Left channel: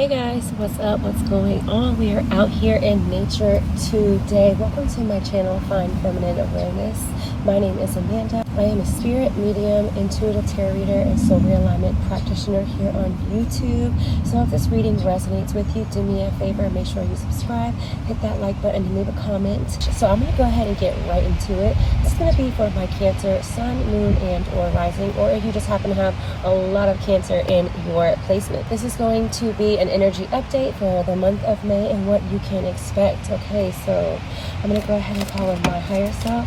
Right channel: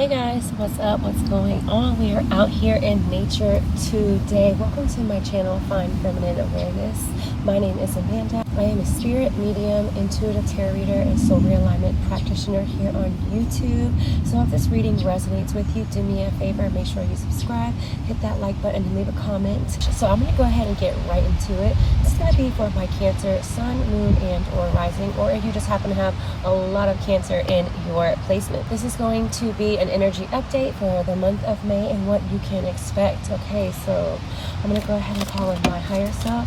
Hey guys, what's up? What's going on? We are out here in nature today. Welcome to my channel, Find Feminine Awareness. My name is Amanda. I am a spirit medium, intuitive tarot reader, and soul realignment practitioner here on YouTube. So if this reading resonates with you, do me a favor, make sure you subscribe, hit that like button, and leave a comment. So I'm going to go ahead and get right into it. This is going to be for my Cancer, Sun, Moon, and or Rising, or if you just happen to have a lot of Cancer in your placement. This is going to be an energy update for the month of May and what you can expect. Okay, so I'm going to go ahead and call in my higher self,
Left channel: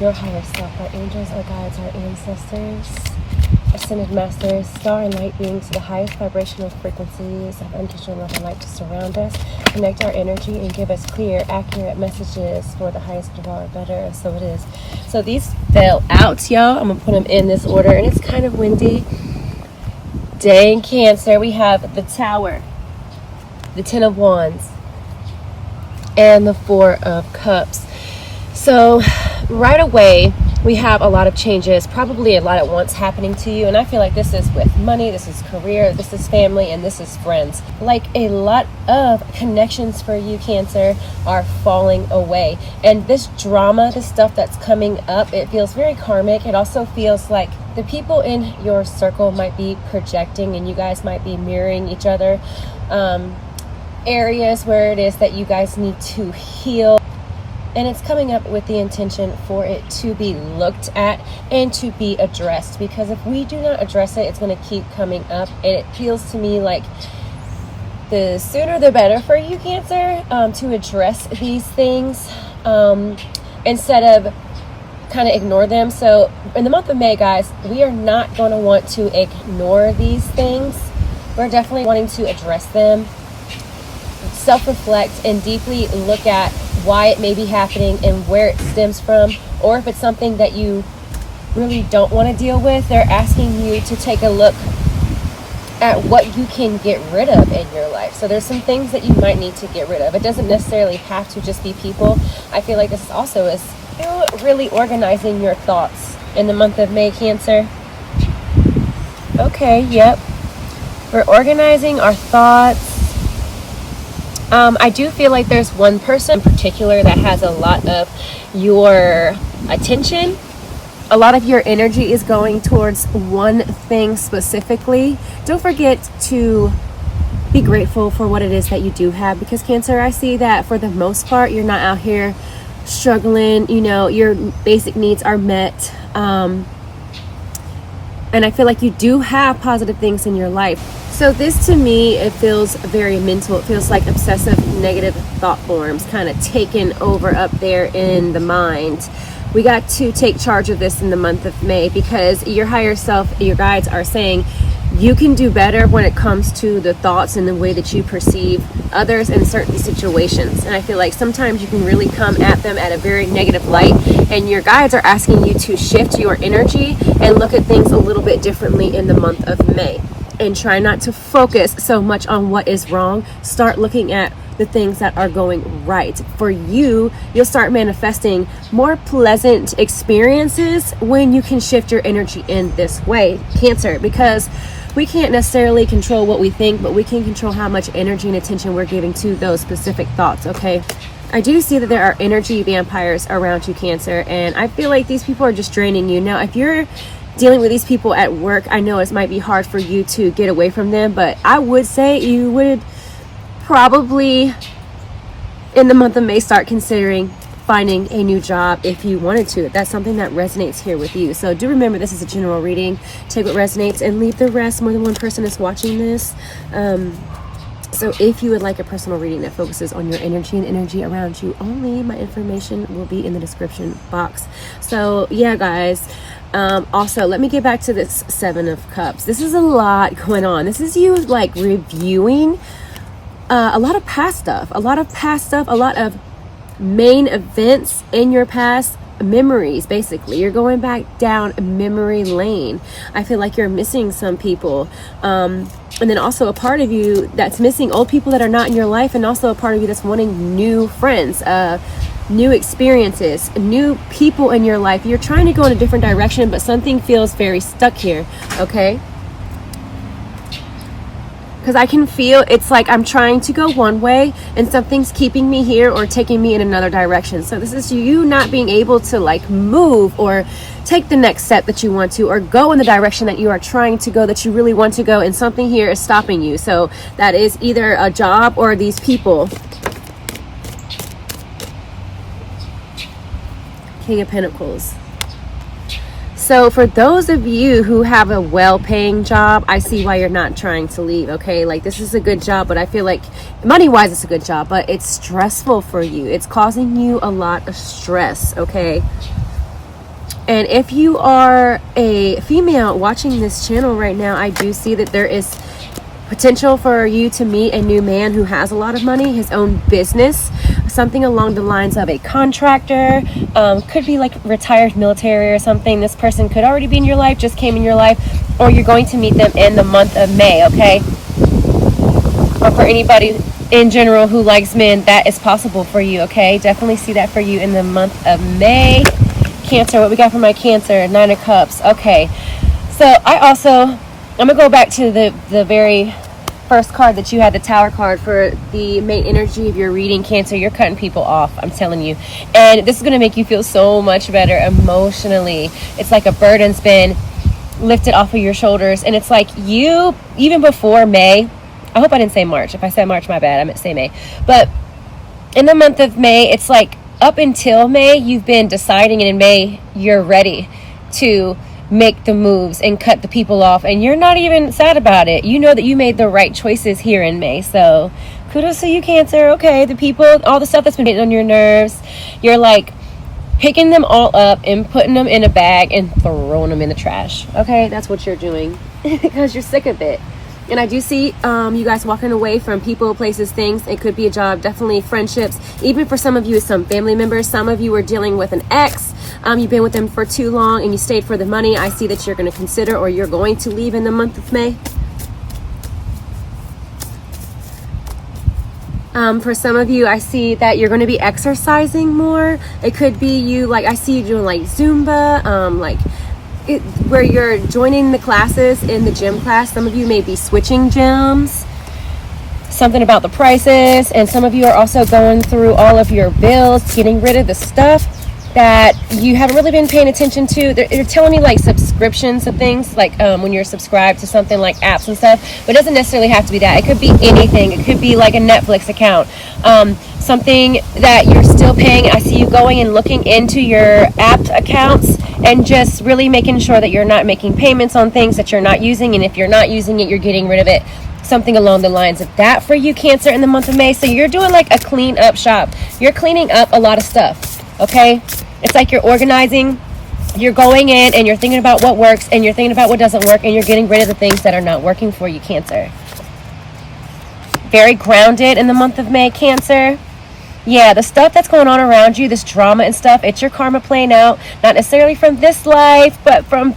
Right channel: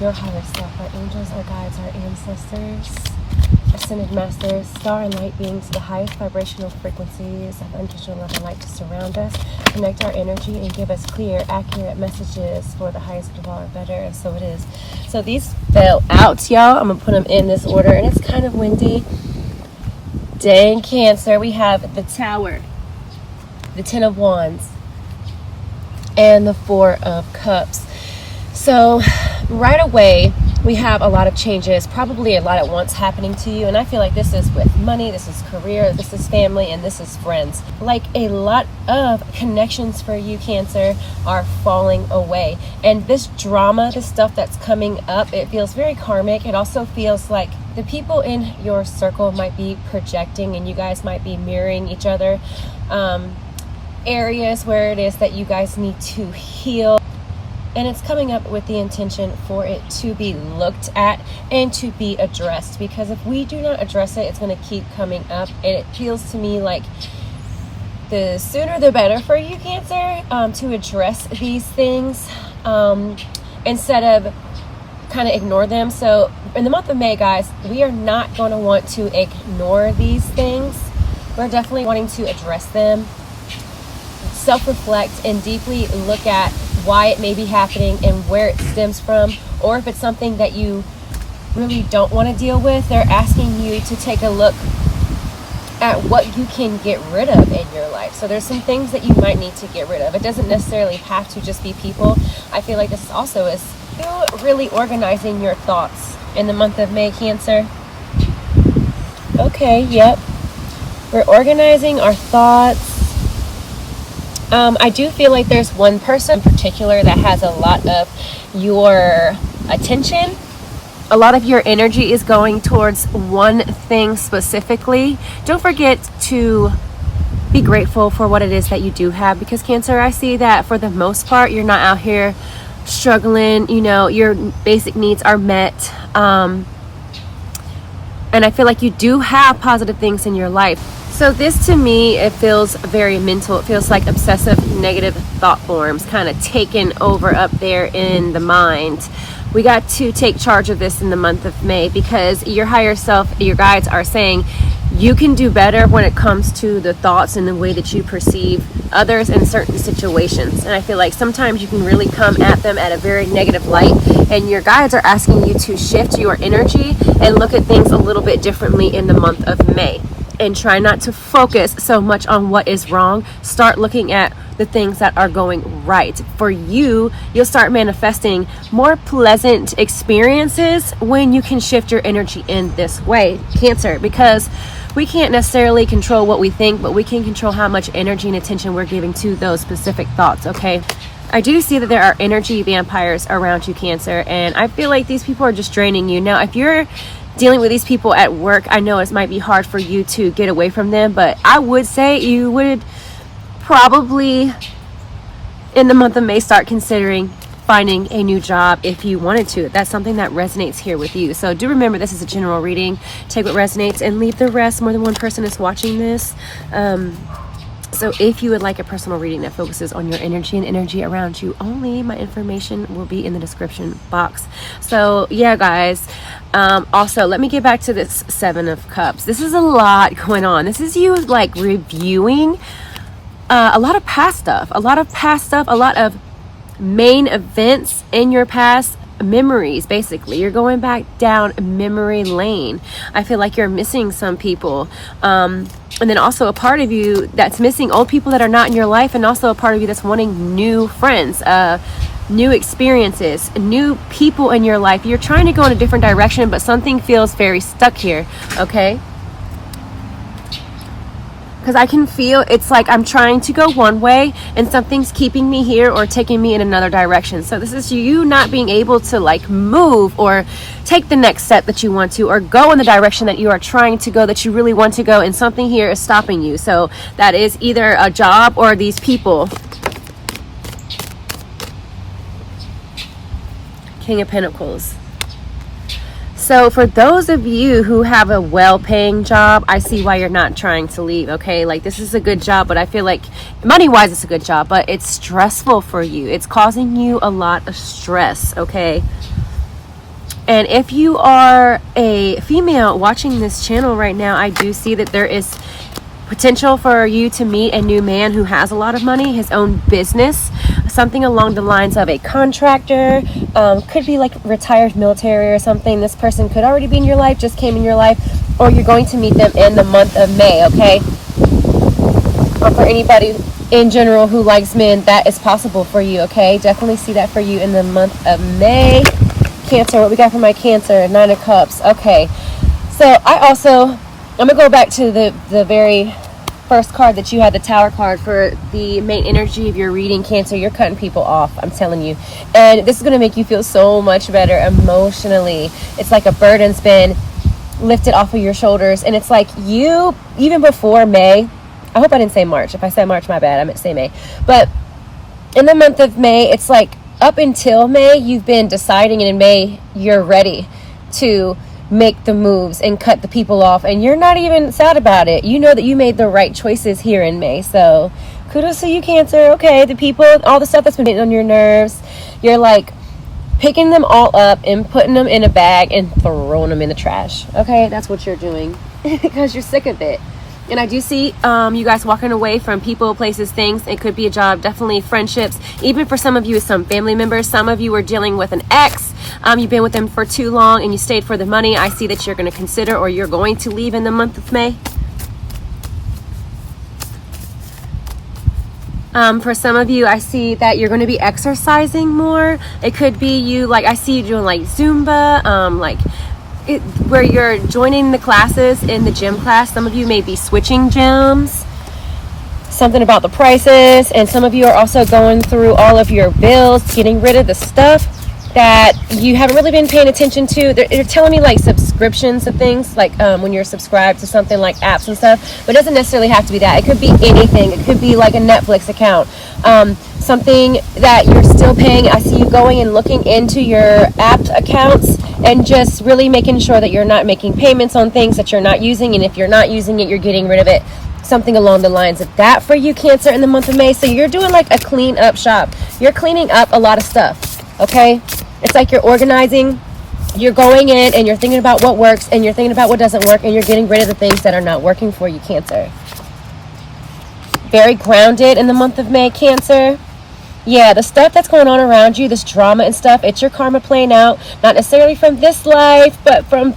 your higher self, our angels, our guides, our ancestors, ascended masters, star and light beings, the highest vibrational frequencies of unconditional love and light to surround us, connect our energy, and give us clear, accurate messages for the highest of all or better. And so it is. So these fell out, y'all. I'm going to put them in this order, and it's kind of windy. Day in Cancer, we have the Tower, the Ten of Wands, and the Four of Cups. So right away, we have a lot of changes, probably a lot at once happening to you. And I feel like this is with money, this is career, this is family, and this is friends. Like a lot of connections for you, Cancer, are falling away. And this drama, this stuff that's coming up, it feels very karmic. It also feels like the people in your circle might be projecting, and you guys might be mirroring each other. Areas where it is that you guys need to heal. And it's coming up with the intention for it to be looked at and to be addressed. Because if we do not address it, it's going to keep coming up. And it feels to me like the sooner the better for you, Cancer, to address these things instead of kind of ignore them. So in the month of May, guys, we are not going to want to ignore these things. We're definitely wanting to address them, self-reflect, and deeply look at why it may be happening and where it stems from, or if it's something that you really don't want to deal with. They're asking you to take a look at what you can get rid of in your life. So there's some things that you might need to get rid of. It doesn't necessarily have to just be people. I feel like this also is still really organizing your thoughts in the month of May, Cancer. Okay, yep. We're organizing our thoughts. I do feel like there's one person in particular that has a lot of your attention. A lot of your energy is going towards one thing specifically. Don't forget to be grateful for what it is that you do have, because Cancer, I see that for the most part, you're not out here struggling. You know, your basic needs are met. And I feel like you do have positive things in your life. So this, to me, it feels very mental. It feels like obsessive negative thought forms kind of taken over up there in the mind. We got to take charge of this in the month of May, because your higher self, your guides, are saying you can do better when it comes to the thoughts and the way that you perceive others in certain situations. And I feel like sometimes you can really come at them at a very negative light, and your guides are asking you to shift your energy and look at things a little bit differently in the month of May. And try not to focus so much on what is wrong. Start looking at the things that are going right. For you, you'll start manifesting more pleasant experiences when you can shift your energy in this way, Cancer, because we can't necessarily control what we think, but we can control how much energy and attention we're giving to those specific thoughts, okay? I do see that there are energy vampires around you, Cancer, and I feel like these people are just draining you. Now, if you're dealing with these people at work, I know it might be hard for you to get away from them, but I would say you would probably in the month of May start considering finding a new job if you wanted to. That's something that resonates here with you. So do remember, this is a general reading. Take what resonates and leave the rest. More than one person is watching this. So if you would like a personal reading that focuses on your energy and energy around you only, my information will be in the description box. So yeah, guys. Also, let me get back to this Seven of Cups. This is a lot going on. This is you like reviewing a lot of past stuff, a lot of main events in your past, memories. Basically, you're going back down memory lane. I feel like you're missing some people, and then also a part of you that's missing old people that are not in your life, and also a part of you that's wanting new friends, new experiences, new people in your life. You're trying to go in a different direction, but something feels very stuck here. Okay, because I can feel it's like I'm trying to go one way and something's keeping me here or taking me in another direction. So this is you not being able to like move or take the next step that you want to, or go in the direction that you are trying to go, that you really want to go, and something here is stopping you. So that is either a job or these people. King of Pentacles. So for those of you who have a well-paying job, I see why you're not trying to leave, okay? Like, this is a good job, but I feel like money-wise it's a good job, but it's stressful for you. It's causing you a lot of stress, okay? And if you are a female watching this channel right now, I do see that there is potential for you to meet a new man who has a lot of money, his own business, something along the lines of a contractor, could be like retired military or something. This person could already be in your life, just came in your life, or you're going to meet them in the month of May, okay? Or for anybody in general who likes men, that is possible for you, okay? Definitely see that for you in the month of May. Cancer, what we got for my Cancer? 9 of Cups. Okay, so I'm gonna go back to the very first card that you had, the Tower card, for the main energy of your reading, Cancer. You're cutting people off, I'm telling you, and this is going to make you feel so much better emotionally. It's like a burden's been lifted off of your shoulders, and it's like you, even before May, I hope I didn't say March. If I said March, my bad, I meant to say May. But in the month of May, it's like up until May, you've been deciding, and in May, you're ready to make the moves and cut the people off, and you're not even sad about it. You know that you made the right choices here in May. So kudos to you, Cancer. Okay, the people, all the stuff that's been hitting on your nerves, you're like picking them all up and putting them in a bag and throwing them in the trash. Okay, that's what you're doing because you're sick of it. And I do see you guys walking away from people, places, things. It could be a job, definitely friendships. Even for some of you, some family members. Some of you are dealing with an ex. You've been with them for too long and you stayed for the money. I see that you're going to consider, or you're going to leave in the month of May. For some of you, I see that you're going to be exercising more. It could be you, like, I see you doing like Zumba, where you're joining the classes in the gym class. Some of you may be switching gyms, something about the prices, and some of you are also going through all of your bills, getting rid of the stuff that you haven't really been paying attention to. They're telling me like subscriptions of things, like when you're subscribed to something like apps and stuff, but it doesn't necessarily have to be that. It could be anything. It could be like a Netflix account, something that you're still paying. I see you going and looking into your app accounts and just really making sure that you're not making payments on things that you're not using, and if you're not using it, you're getting rid of it. Something along the lines of that for you, Cancer, in the month of May. So you're doing like a clean up shop. You're cleaning up a lot of stuff, okay? It's like you're organizing. You're going in and you're thinking about what works, and you're thinking about what doesn't work, and you're getting rid of the things that are not working for you, Cancer. Very grounded in the month of May, Cancer. Yeah, the stuff that's going on around you, this drama and stuff, it's your karma playing out, not necessarily from this life, but from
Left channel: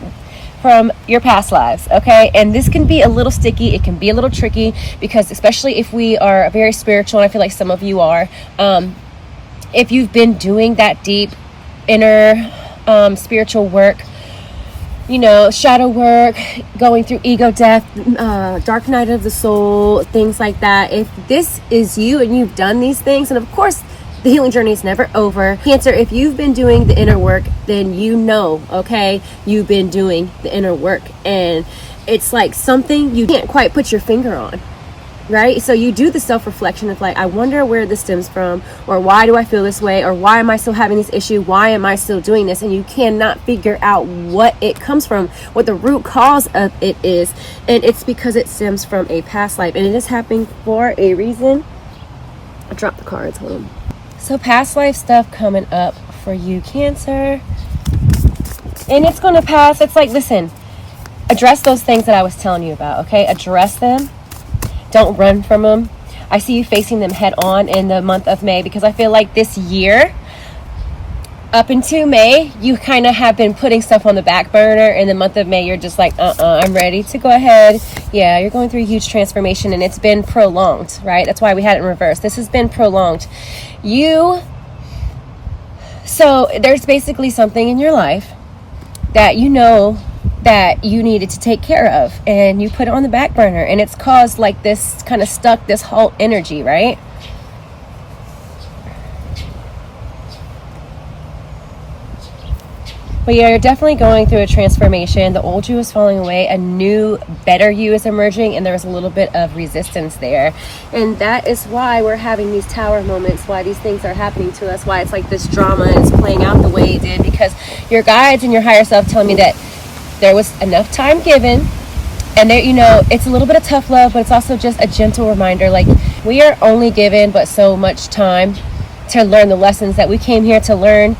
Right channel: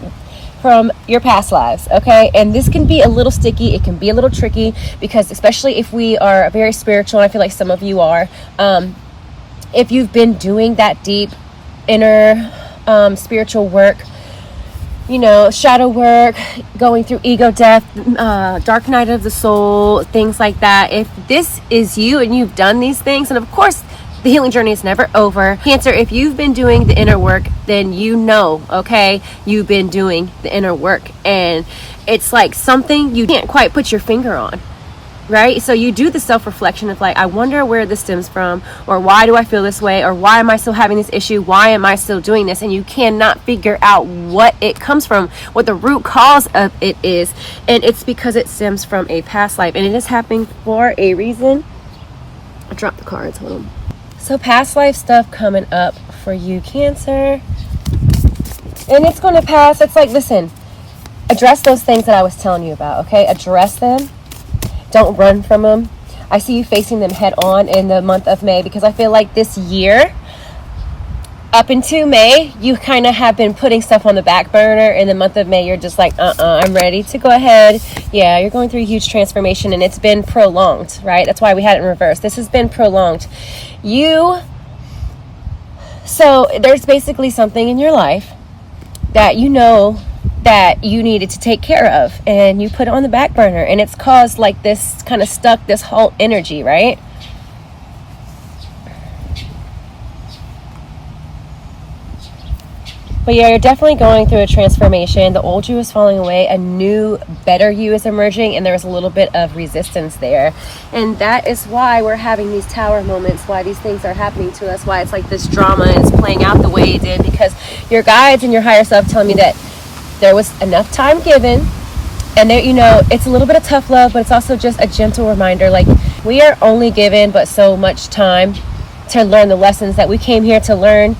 your past lives, okay? And this can be a little sticky. It can be a little tricky, because especially if we are very spiritual, and I feel like some of you are, if you've been doing that deep inner spiritual work, you know, shadow work, going through ego death, dark night of the soul, things like that. If this is you and you've done these things, and of course the healing journey is never over, Cancer, if you've been doing the inner work, then you know, okay, you've been doing the inner work, and it's like something you can't quite put your finger on, right? So you do the self-reflection of like, I wonder where this stems from, or why do I feel this way, or why am I still having this issue, why am I still doing this? And you cannot figure out what it comes from, what the root cause of it is, and it's because it stems from a past life, and it is happening for a reason. I dropped the cards, hold on. So past life stuff coming up for you, Cancer, and it's going to pass. It's like, listen, address those things that I was telling you about, okay? Address them. Don't run from them. I see you facing them head on in the month of May, because I feel like this year, up into May, you kind of have been putting stuff on the back burner. In the month of May, you're just like, I'm ready to go ahead. Yeah, you're going through a huge transformation, and it's been prolonged, right? That's why we had it in reverse. This has been prolonged. So there's basically something in your life that you know that you needed to take care of, and you put it on the back burner, and it's caused like this kind of stuck, this whole energy, right? But yeah, you're definitely going through a transformation. The old you is falling away. A new, better you is emerging. And there's a little bit of resistance there. And that is why we're having these tower moments, why these things are happening to us, why it's like this drama is playing out the way it did. Because your guides and your higher self telling me that there was enough time given. And there, you know, it's a little bit of tough love, but it's also just a gentle reminder. Like, we are only given but so much time to learn the lessons that we came here to learn.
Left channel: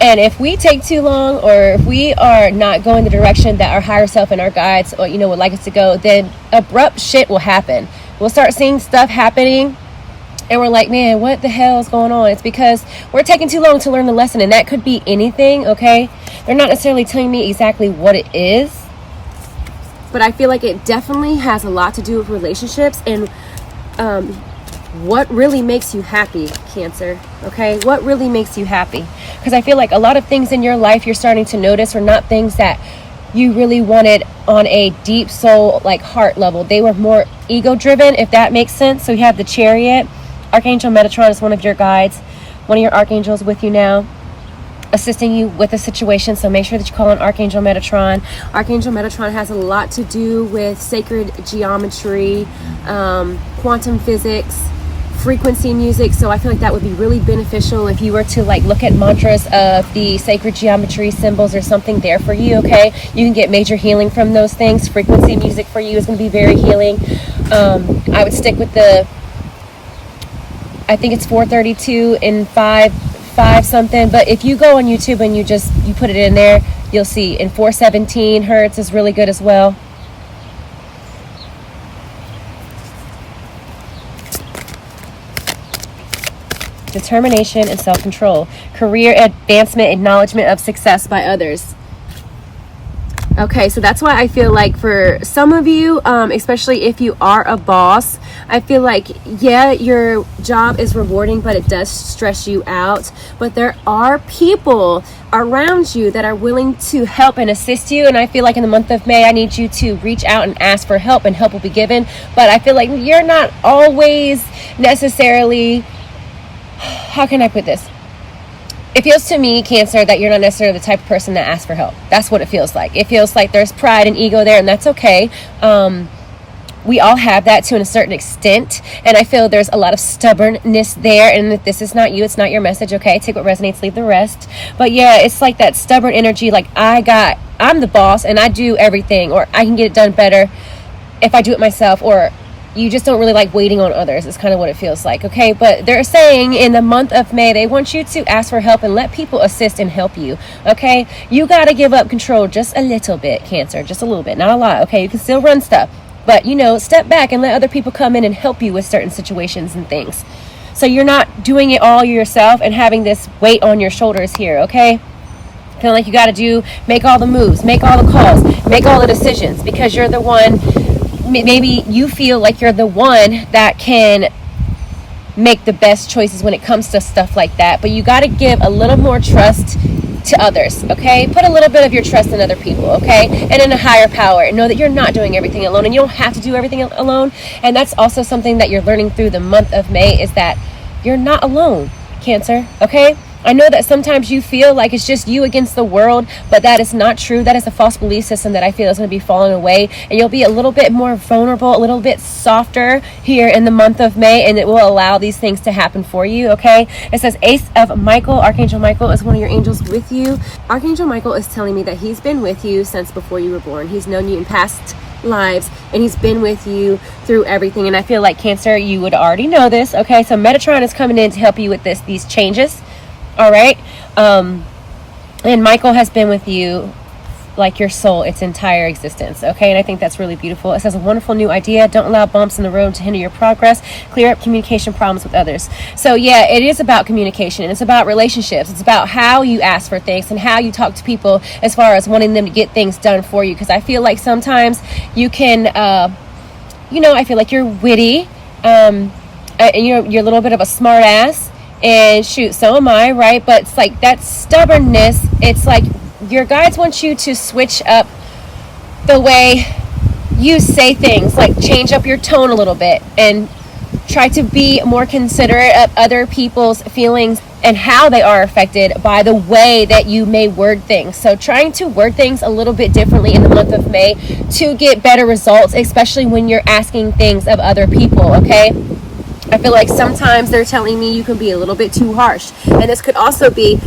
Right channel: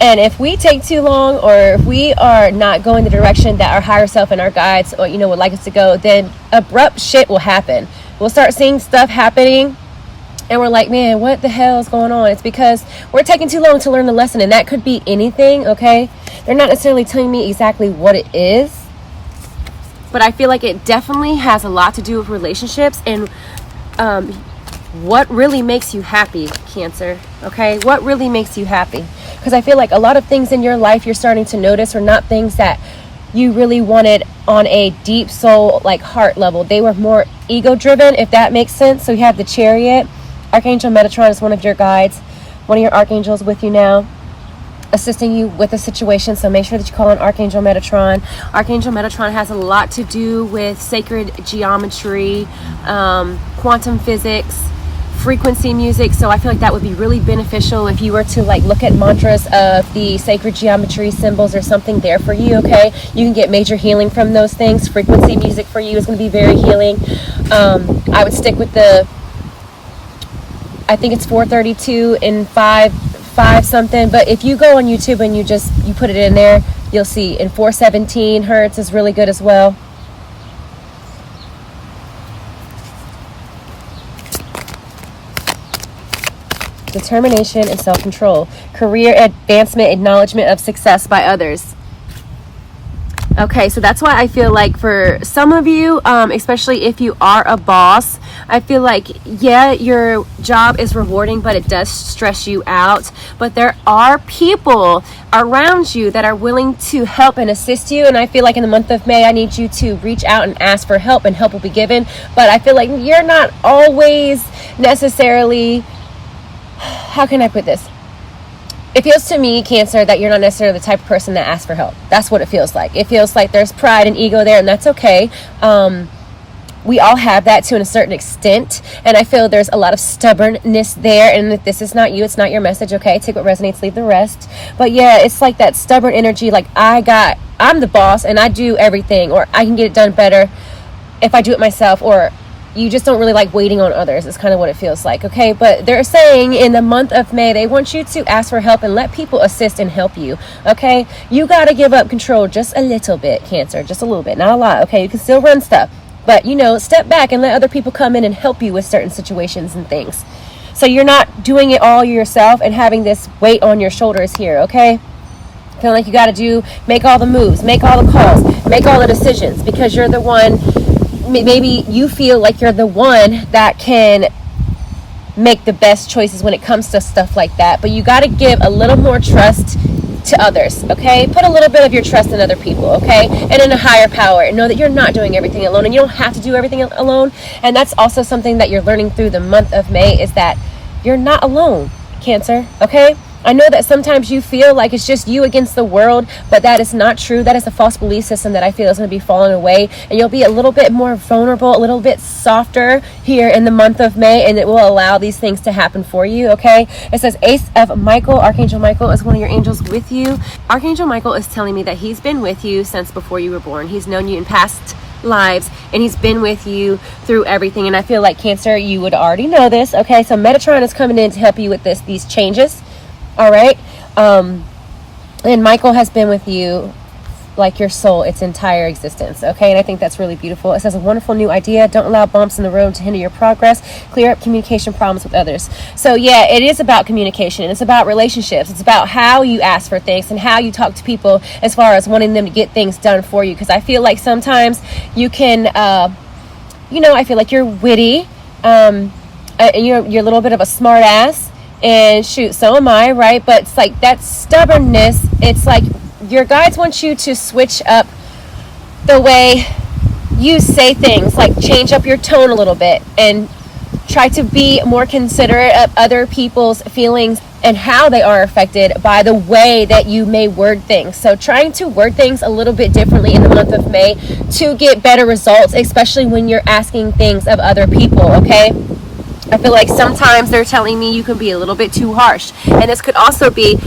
And if we take too long, or if we are not going the direction that our higher self and our guides, or, you know, would like us to go, then abrupt shit will happen. We'll start seeing stuff happening, and we're like, man, what the hell is going on? It's because we're taking too long to learn the lesson, and that could be anything, okay? They're not necessarily telling me exactly what it is, but I feel like it definitely has a lot to do with relationships and what really makes you happy, Cancer, okay? What really makes you happy? Because I feel like a lot of things in your life you're starting to notice are not things that you really wanted on a deep soul, like heart level. They were more ego driven, if that makes sense. So you have the Chariot. Archangel Metatron is one of your guides, one of your archangels with you now, assisting you with the situation. So make sure that you call on Archangel Metatron. Archangel Metatron has a lot to do with sacred geometry, quantum physics, frequency music. So I feel like that would be really beneficial if you were to like look at mantras of the sacred geometry symbols or something there for you, okay? You can get major healing from those things. Frequency music for you is going to be very healing. I would stick with the, I think it's 432 and 5 something, but if you go on YouTube and you put it in there, you'll see. And 417 hertz is really good as well. Determination and self-control. Career advancement, acknowledgement of success by others. Okay, so that's why I feel like for some of you, especially if you are a boss, I feel like, yeah, your job is rewarding, but it does stress you out. But there are people around you that are willing to help and assist you. And I feel like in the month of May, I need you to reach out and ask for help, and help will be given. But I feel like you're not always necessarily, how can I put this? It feels to me, Cancer, that you're not necessarily the type of person that asks for help. That's what it feels like. It feels like there's pride and ego there, and that's okay. We all have that to a certain extent, and I feel there's a lot of stubbornness there. And if this is not you, it's not your message, okay? Take what resonates, leave the rest. But yeah, it's like that stubborn energy, like I'm the boss and I do everything, or I can get it done better if I do it myself, or you just don't really like waiting on others. It's kind of what it feels like, okay? But they're saying in the month of May, they want you to ask for help and let people assist and help you, okay? You got to give up control just a little bit, Cancer, just a little bit, not a lot, okay? You can still run stuff, but, you know, step back and let other people come in and help you with certain situations and things. So you're not doing it all yourself and having this weight on your shoulders here, okay? Feeling like you got to make all the moves, make all the calls, make all the decisions, because you're the one. Maybe you feel like you're the one that can make the best choices when it comes to stuff like that. But you got to give a little more trust to others, okay? Put a little bit of your trust in other people, okay? And in a higher power. And know that you're not doing everything alone, and you don't have to do everything alone. And that's also something that you're learning through the month of May, is that you're not alone, Cancer, okay? I know that sometimes you feel like it's just you against the world, but that is not true. That is a false belief system that I feel is going to be falling away, and you'll be a little bit more vulnerable, a little bit softer here in the month of May, and it will allow these things to happen for you, okay? It says Ace of Michael. Archangel Michael is one of your angels with you. Archangel Michael is telling me that he's been with you since before you were born. He's known you in past lives, and he's been with you through everything. And I feel like, Cancer, you would already know this, okay? So Metatron is coming in to help you with these changes. All right. And Michael has been with you like your soul its entire existence, okay? And I think that's really beautiful. It says a wonderful new idea. Don't allow bumps in the road to hinder your progress. Clear up communication problems with others. So yeah, it is about communication. It's about relationships. It's about how you ask for things and how you talk to people as far as wanting them to get things done for you. Because I feel like sometimes you can, I feel like you're witty, and you're a little bit of a smart ass. And shoot, so am I, right? But it's like that stubbornness. It's like your guides want you to switch up the way you say things, like change up your tone a little bit and try to be more considerate of other people's feelings and how they are affected by the way that you may word things. So trying to word things a little bit differently in the month of May to get better results, especially when you're asking things of other people, okay? I feel like sometimes they're telling me you can be a little bit too harsh. And this could also be,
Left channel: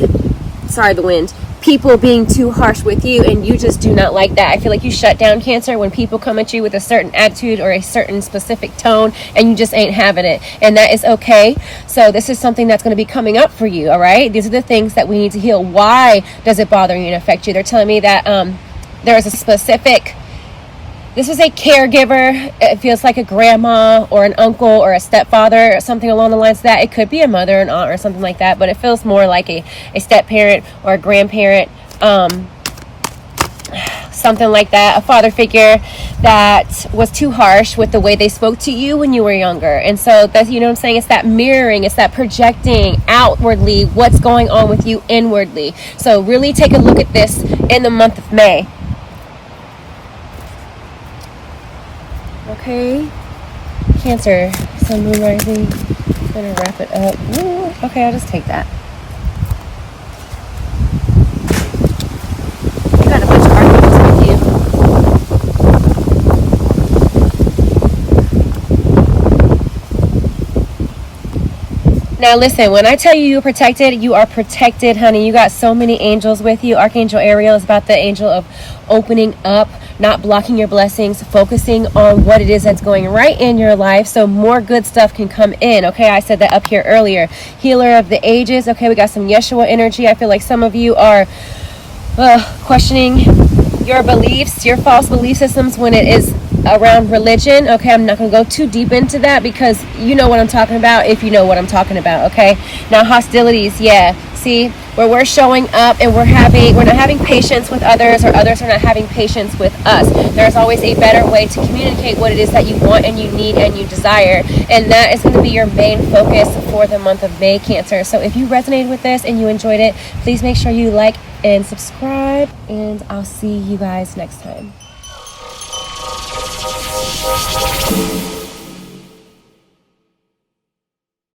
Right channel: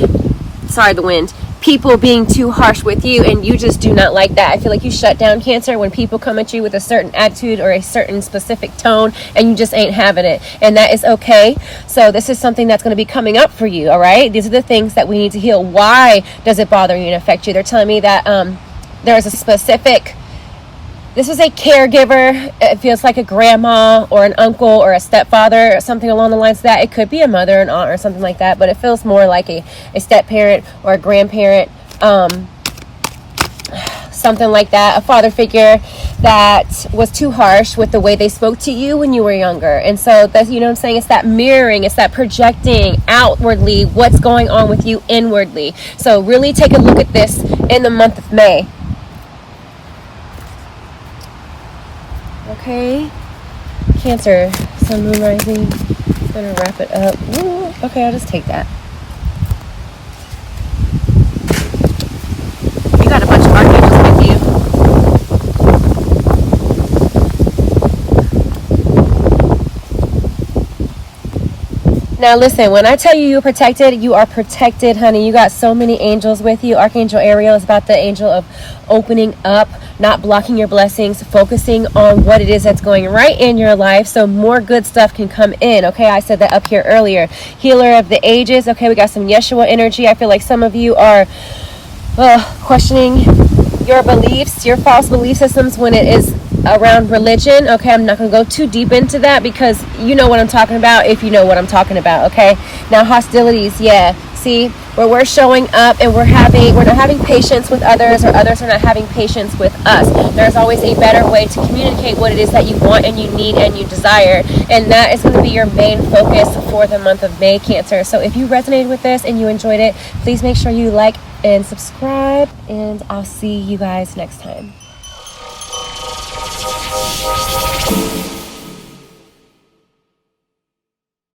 sorry, the wind, people being too harsh with you, and you just do not like that. I feel like you shut down, Cancer, when people come at you with a certain attitude or a certain specific tone, and you just ain't having it. And that is okay. So this is something that's going to be coming up for you, all right? These are the things that we need to heal. Why does it bother you and affect you? They're telling me that there is a specific... This is a caregiver. It feels like a grandma or an uncle or a stepfather or something along the lines of that. It could be a mother, an aunt, or something like that, but it feels more like a step parent or a grandparent, something like that. A father figure that was too harsh with the way they spoke to you when you were younger. And so that's, you know what I'm saying? It's that mirroring, it's that projecting outwardly what's going on with you inwardly. So really take a look at this in the month of May. Okay, Cancer, Sun, Moon, Rising. I'm gonna wrap it up. Ooh, okay, I'll just take that. You got a bunch of archangels with you. Now listen, when I tell you you're protected, you are protected, honey. You got so many angels with you. Archangel Ariel is about the angel of opening up, not blocking your blessings, focusing on what it is that's going right in your life so more good stuff can come in. Okay, I said that up here earlier. Healer of the ages. Okay, we got some Yeshua energy. I feel like some of you are questioning your beliefs, your false belief systems when it is around religion. Okay, I'm not going to go too deep into that because you know what I'm talking about if you know what I'm talking about. Okay, now hostilities. Yeah, see, where we're showing up and we're not having patience with others, or others are not having patience with us. There's always a better way to communicate what it is that you want and you need and you desire, and that is going to be your main focus for the month of May, Cancer. So if you resonated with this and you enjoyed it, please make sure you like and subscribe, and I'll see you guys next time.